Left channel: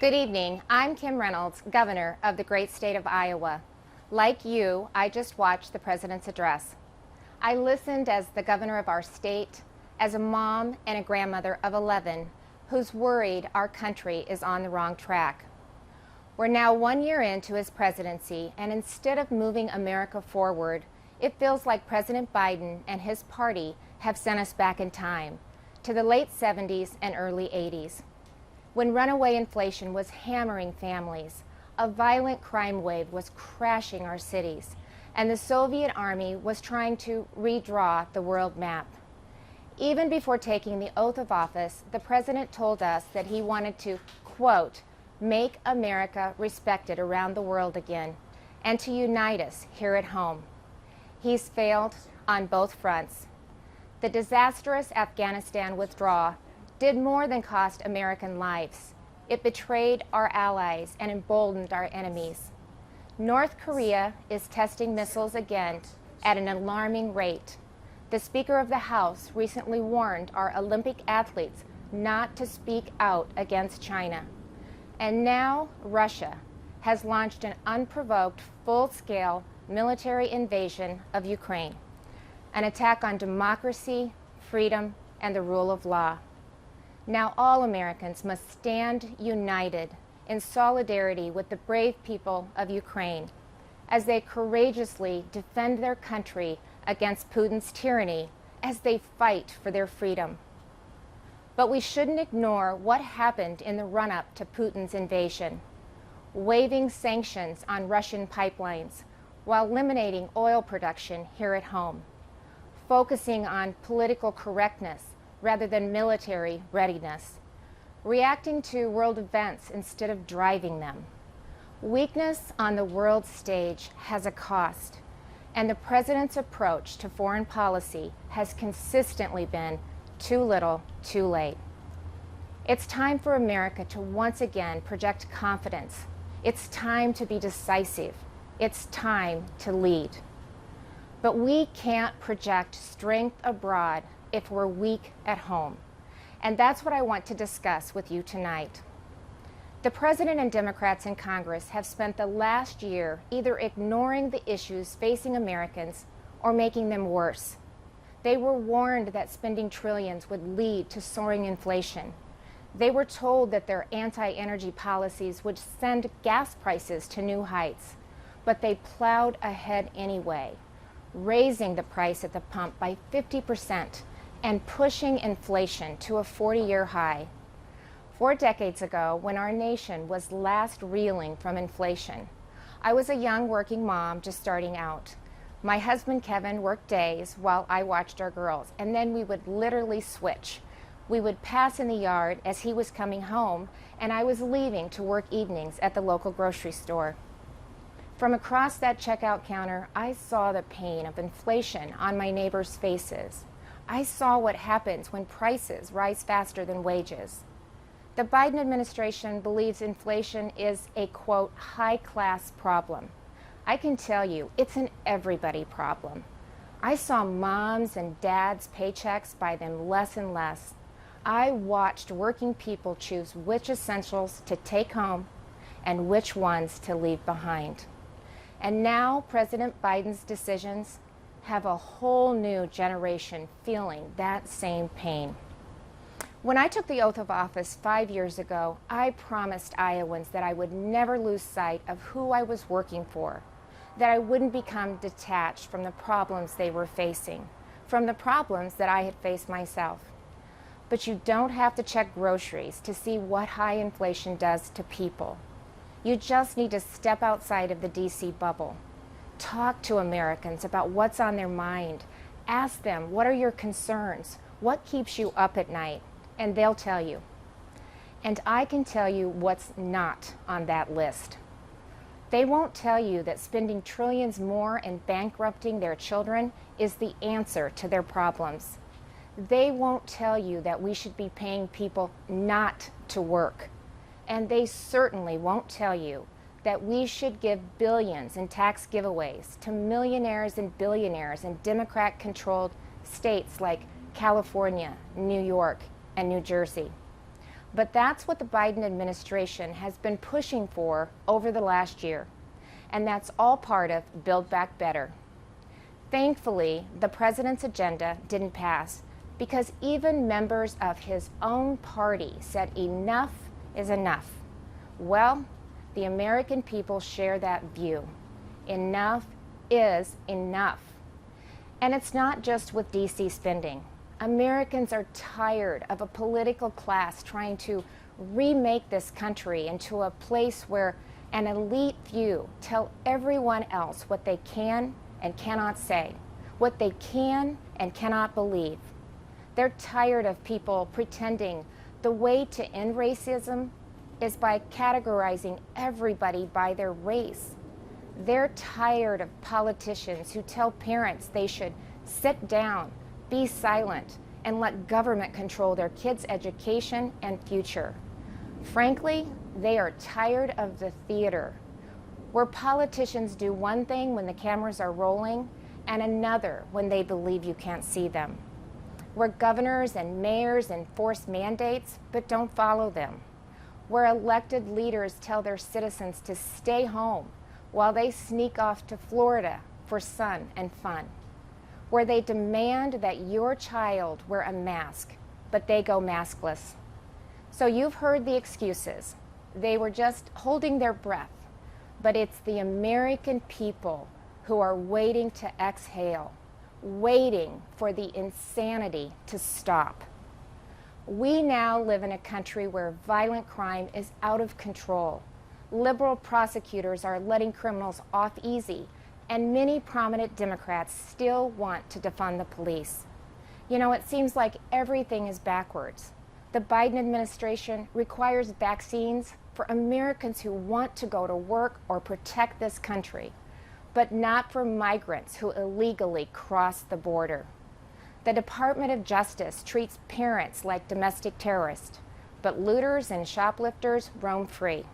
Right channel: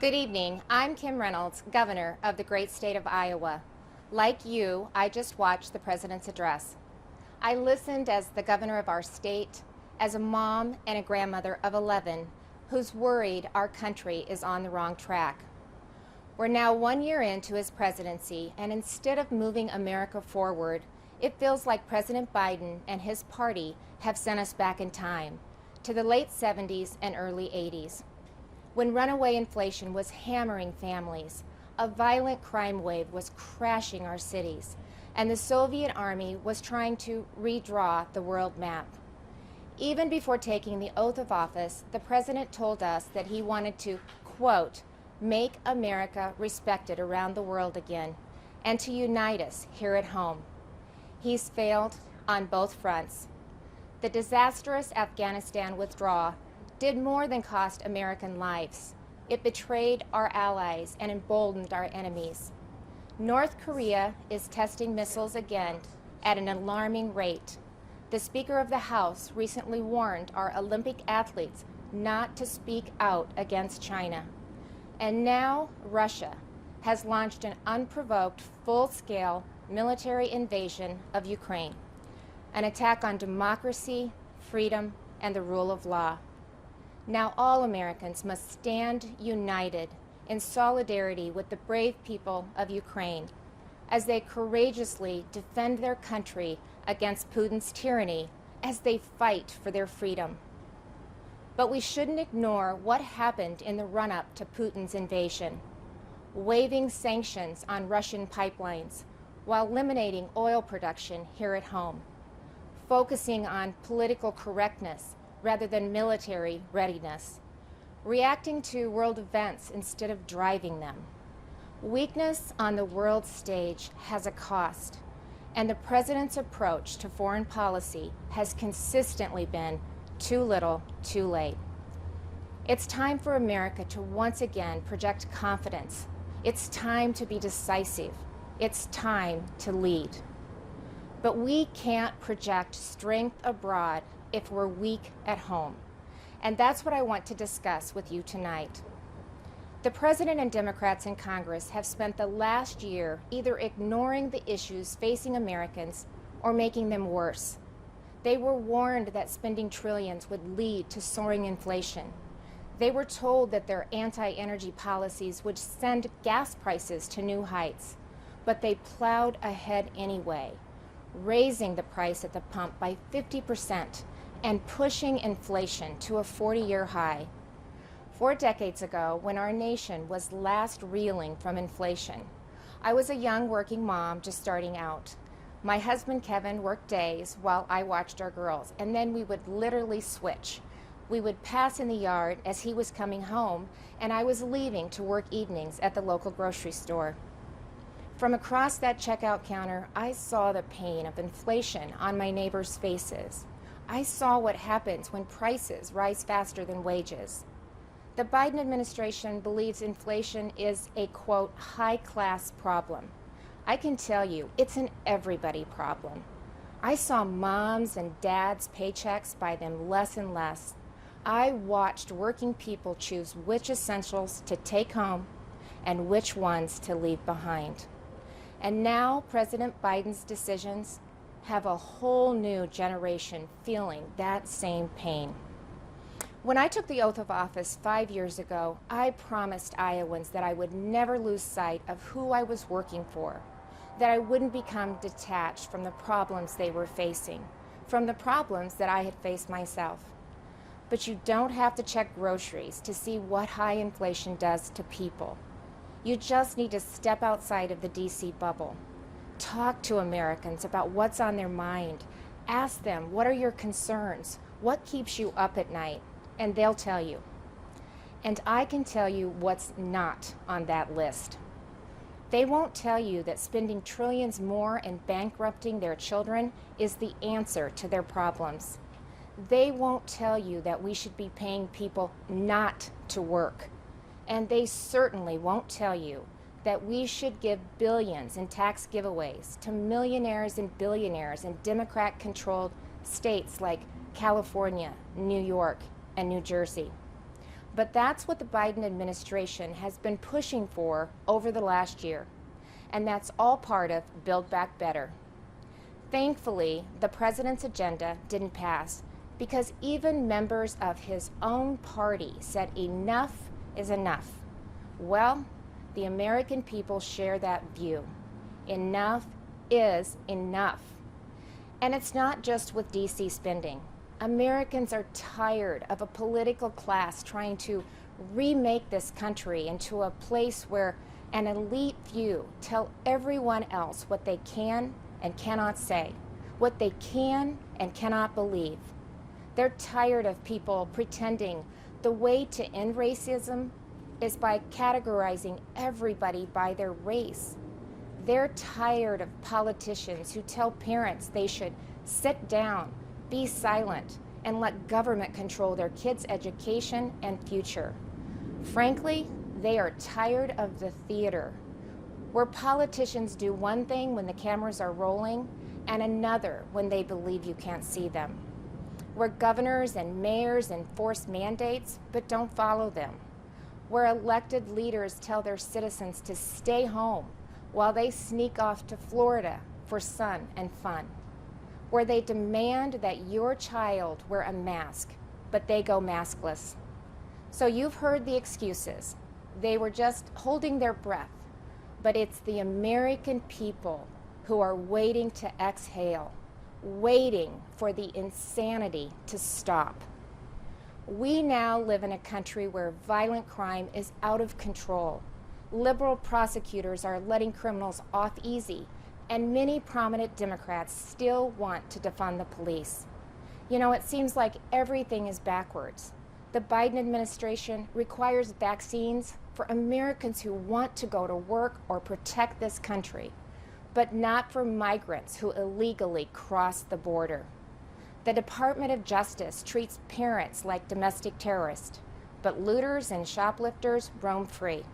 Good evening. I'm Kim Reynolds, Governor of the great state of Iowa. Like you, I just watched the President's address. I listened as the governor of our state, as a mom and a grandmother of 11 who's worried our country is on the wrong track. We're now 1 year into his presidency, and instead of moving America forward, it feels like President Biden and his party have sent us back in time to the late 70s and early 80s, when runaway inflation was hammering families, a violent crime wave was crashing our cities, and the Soviet Army was trying to redraw the world map. Even before taking the oath of office, the president told us that he wanted to, quote, make America respected around the world again, and to unite us here at home. He's failed on both fronts. The disastrous Afghanistan withdrawal did more than cost American lives. It betrayed our allies and emboldened our enemies. North Korea is testing missiles again at an alarming rate. The Speaker of the House recently warned our Olympic athletes not to speak out against China. And now Russia has launched an unprovoked, full-scale military invasion of Ukraine, an attack on democracy, freedom, and the rule of law. Now all Americans must stand united in solidarity with the brave people of Ukraine as they courageously defend their country against Putin's tyranny as they fight for their freedom. But we shouldn't ignore what happened in the run-up to Putin's invasion, waiving sanctions on Russian pipelines while eliminating oil production here at home, focusing on political correctness rather than military readiness, reacting to world events instead of driving them. Weakness on the world stage has a cost, and the president's approach to foreign policy has consistently been too little, too late. It's time for America to once again project confidence. It's time to be decisive. It's time to lead. But we can't project strength abroad if we're weak at home. And that's what I want to discuss with you tonight. The President and Democrats in Congress have spent the last year either ignoring the issues facing Americans or making them worse. They were warned that spending trillions would lead to soaring inflation. They were told that their anti-energy policies would send gas prices to new heights, but they plowed ahead anyway, raising the price at the pump by 50% and pushing inflation to a 40-year high. 4 decades ago, when our nation was last reeling from inflation, I was a young working mom just starting out. My husband Kevin worked days while I watched our girls, and then we would literally switch. We would pass in the yard as he was coming home, and I was leaving to work evenings at the local grocery store. From across that checkout counter, I saw the pain of inflation on my neighbors' faces. I saw what happens when prices rise faster than wages. The Biden administration believes inflation is a, quote, high-class problem. I can tell you, it's an everybody problem. I saw moms and dads' paychecks buy them less and less. I watched working people choose which essentials to take home and which ones to leave behind. And now President Biden's decisions have a whole new generation feeling that same pain. When I took the oath of office 5 years ago, I promised Iowans that I would never lose sight of who I was working for, that I wouldn't become detached from the problems they were facing, from the problems that I had faced myself. But you don't have to check groceries to see what high inflation does to people. You just need to step outside of the DC bubble. Talk to Americans about what's on their mind. Ask them, what are your concerns? What keeps you up at night? And they'll tell you. And I can tell you what's not on that list. They won't tell you that spending trillions more and bankrupting their children is the answer to their problems. They won't tell you that we should be paying people not to work. And they certainly won't tell you that we should give billions in tax giveaways to millionaires and billionaires in Democrat-controlled states like California, New York, and New Jersey. But that's what the Biden administration has been pushing for over the last year. And that's all part of Build Back Better. Thankfully, the president's agenda didn't pass because even members of his own party said enough is enough. Well, the American people share that view. Enough is enough. And it's not just with DC spending. Americans are tired of a political class trying to remake this country into a place where an elite few tell everyone else what they can and cannot say, what they can and cannot believe. They're tired of people pretending the way to end racism is by categorizing everybody by their race. They're tired of politicians who tell parents they should sit down, be silent, and let government control their kids' education and future. Frankly, they are tired of the theater, where politicians do one thing when the cameras are rolling and another when they believe you can't see them, where governors and mayors enforce mandates but don't follow them, where elected leaders tell their citizens to stay home while they sneak off to Florida for sun and fun, where they demand that your child wear a mask, but they go maskless. So you've heard the excuses. They were just holding their breath, but it's the American people who are waiting to exhale, waiting for the insanity to stop. We now live in a country where violent crime is out of control. Liberal prosecutors are letting criminals off easy, and many prominent Democrats still want to defund the police. You know, it seems like everything is backwards. The Biden administration requires vaccines for Americans who want to go to work or protect this country, but not for migrants who illegally cross the border. The Department of Justice treats parents like domestic terrorists, but looters and shoplifters roam free.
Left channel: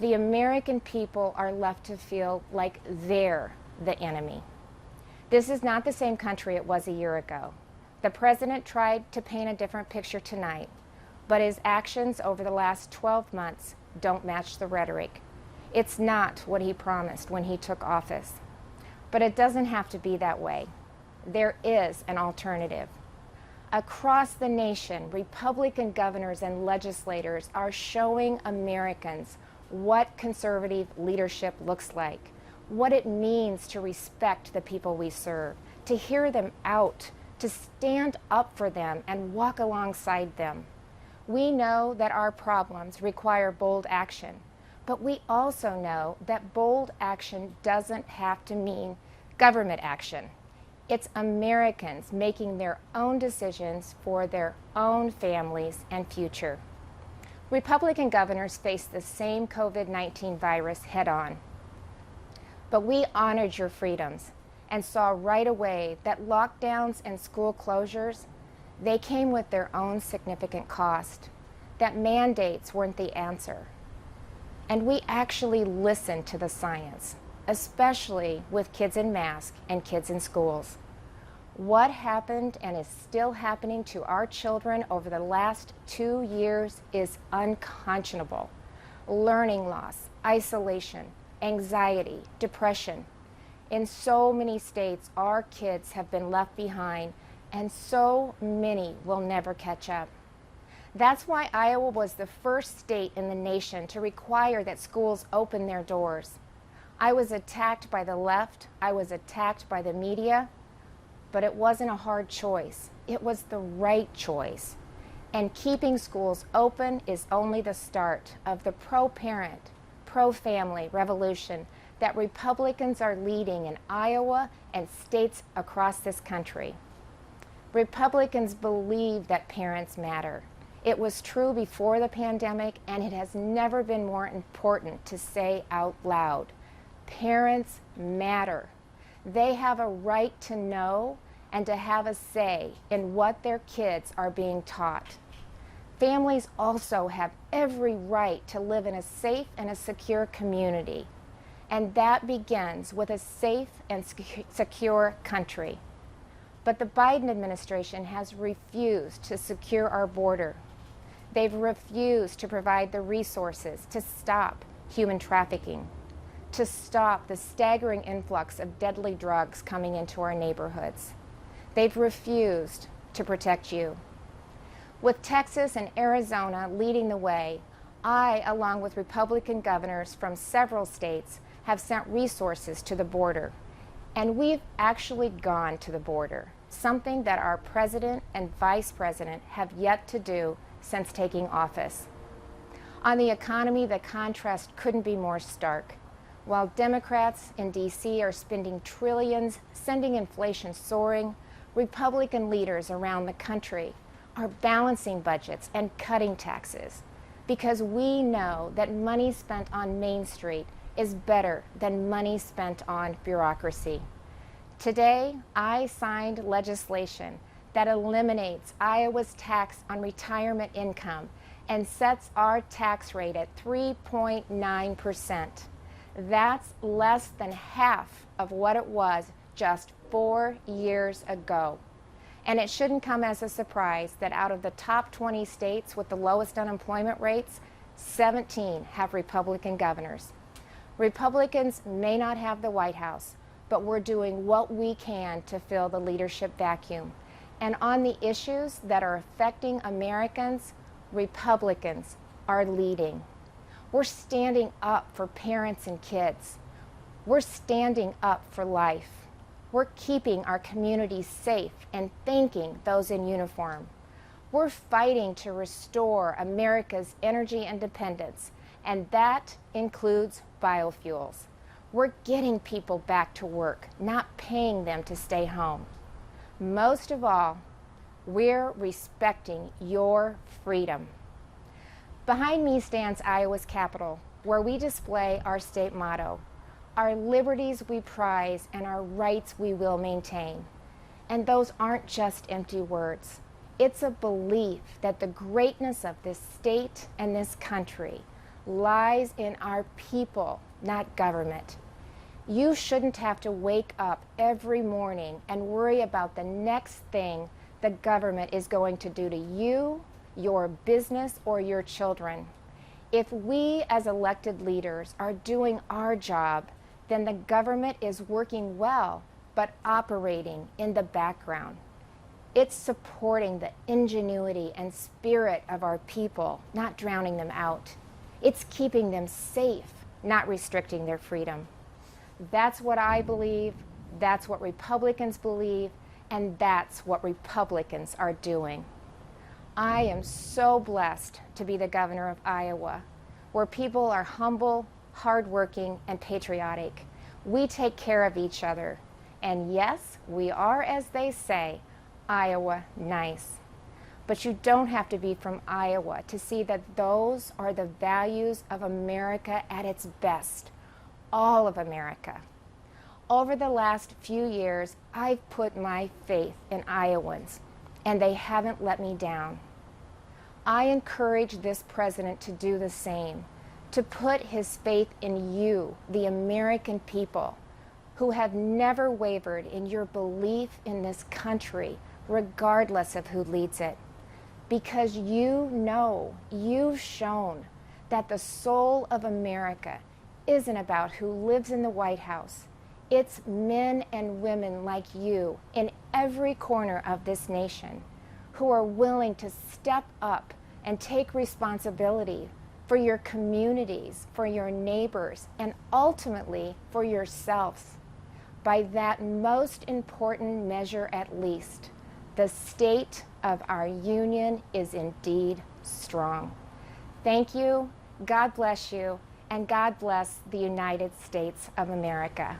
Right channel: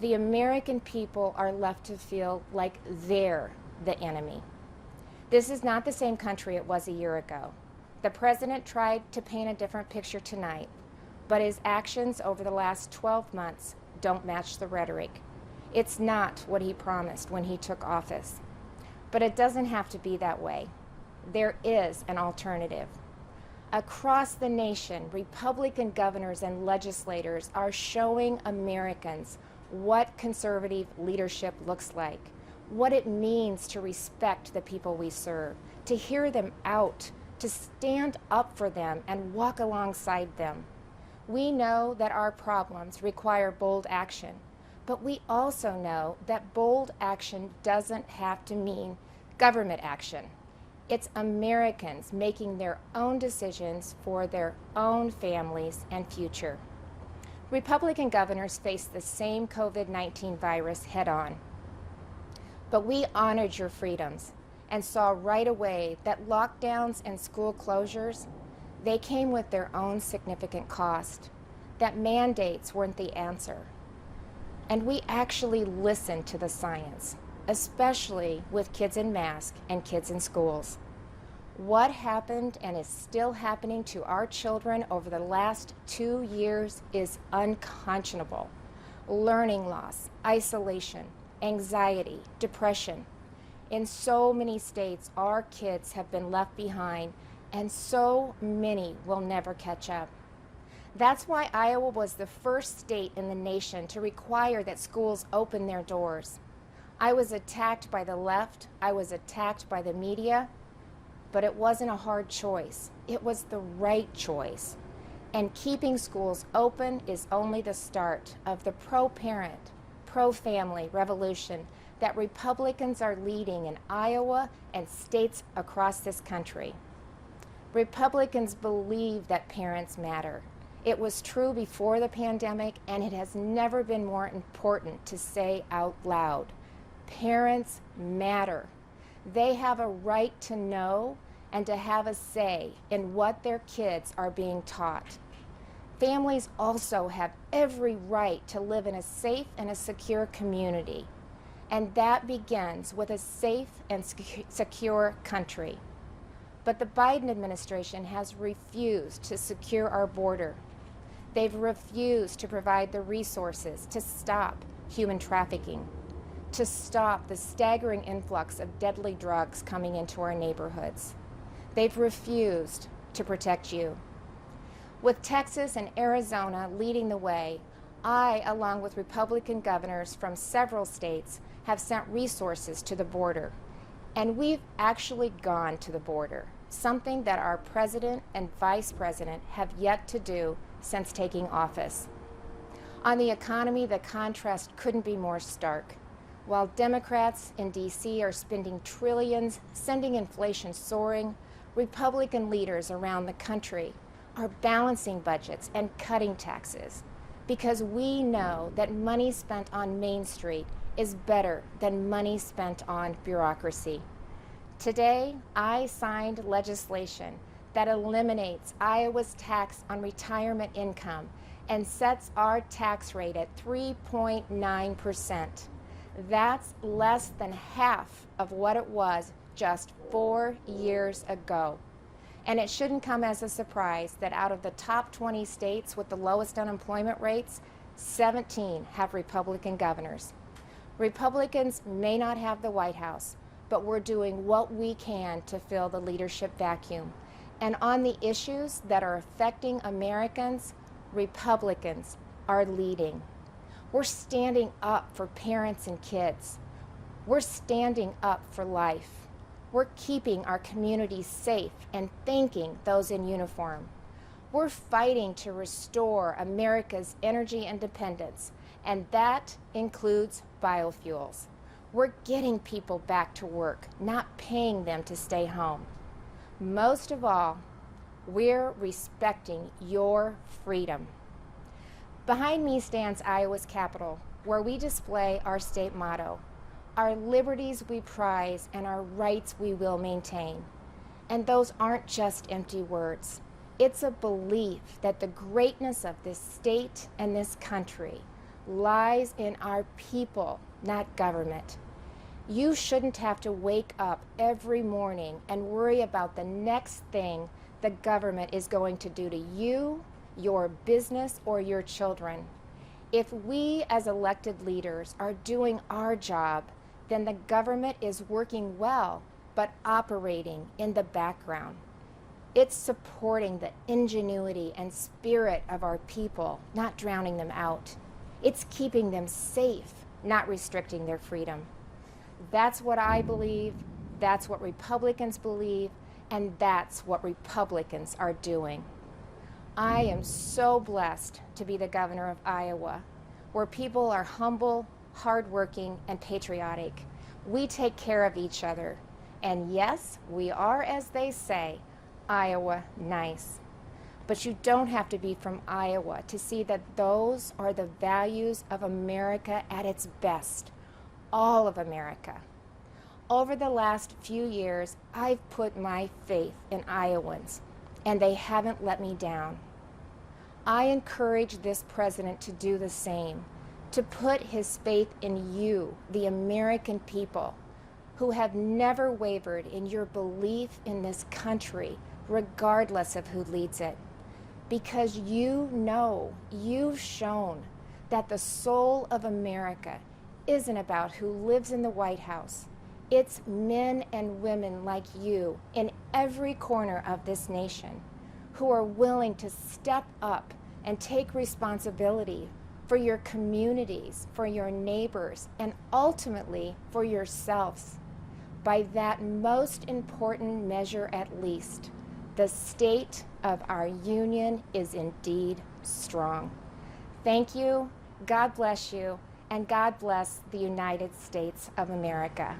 The American people are left to feel like they're the enemy. This is not the same country it was a year ago. The president tried to paint a different picture tonight, but his actions over the last 12 months don't match the rhetoric. It's not what he promised when he took office. But it doesn't have to be that way. There is an alternative. Across the nation, Republican governors and legislators are showing Americans what conservative leadership looks like, what it means to respect the people we serve, to hear them out, to stand up for them and walk alongside them. We know that our problems require bold action, but we also know that bold action doesn't have to mean government action. It's Americans making their own decisions for their own families and future. Republican governors face the same COVID-19 virus head-on. But we honored your freedoms and saw right away that lockdowns and school closures, they came with their own significant cost, that mandates weren't the answer. And we actually listened to the science, especially with kids in masks and kids in schools. What happened and is still happening to our children over the last 2 years is unconscionable. Learning loss, isolation, anxiety, depression. In so many states, our kids have been left behind, and so many will never catch up. That's why Iowa was the first state in the nation to require that schools open their doors. I was attacked by the left, I was attacked by the media, but it wasn't a hard choice. It was the right choice. And keeping schools open is only the start of the pro-parent, pro-family revolution that Republicans are leading in Iowa and states across this country. Republicans believe that parents matter. It was true before the pandemic, and it has never been more important to say out loud. Parents matter. They have a right to know and to have a say in what their kids are being taught. Families also have every right to live in a safe and a secure community, and that begins with a safe and secure country. But the Biden administration has refused to secure our border. They've refused to provide the resources to stop human trafficking, to stop the staggering influx of deadly drugs coming into our neighborhoods. They've refused to protect you. With Texas and Arizona leading the way, I, along with Republican governors from several states, have sent resources to the border. And we've actually gone to the border, something that our president and vice president have yet to do since taking office. On the economy, the contrast couldn't be more stark. While Democrats in D.C. are spending trillions, sending inflation soaring, Republican leaders around the country are balancing budgets and cutting taxes, because we know that money spent on Main Street is better than money spent on bureaucracy. Today, I signed legislation that eliminates Iowa's tax on retirement income and sets our tax rate at 3.9%. That's less than half of what it was just 4 years ago. And it shouldn't come as a surprise that out of the top 20 states with the lowest unemployment rates, 17 have Republican governors. Republicans may not have the White House, but we're doing what we can to fill the leadership vacuum. And on the issues that are affecting Americans, Republicans are leading. We're standing up for parents and kids. We're standing up for life. We're keeping our communities safe and thanking those in uniform. We're fighting to restore America's energy independence, and that includes biofuels. We're getting people back to work, not paying them to stay home. Most of all, we're respecting your freedom. Behind me stands Iowa's Capitol, where we display our state motto, our liberties we prize and our rights we will maintain. And those aren't just empty words. It's a belief that the greatness of this state and this country lies in our people, not government. You shouldn't have to wake up every morning and worry about the next thing the government is going to do to you, your business, or your children. If we as elected leaders are doing our job, then the government is working well, but operating in the background. It's supporting the ingenuity and spirit of our people, not drowning them out. It's keeping them safe, not restricting their freedom. That's what I believe, that's what Republicans believe, and that's what Republicans are doing. I am so blessed to be the governor of Iowa, where people are humble, hardworking, and patriotic. We take care of each other. And yes, we are, as they say, Iowa nice. But you don't have to be from Iowa to see that those are the values of America at its best. All of America. Over the last few years, I've put my faith in Iowans, and they haven't let me down. I encourage this president to do the same, to put his faith in you, the American people, who have never wavered in your belief in this country, regardless of who leads it. Because you know, you've shown that the soul of America isn't about who lives in the White House. It's men and women like you in every corner of this nation who are willing to step up and take responsibility for your communities, for your neighbors, and ultimately for yourselves. By that most important measure at least, the state of our union is indeed strong. Thank you, God bless you, and God bless the United States of America.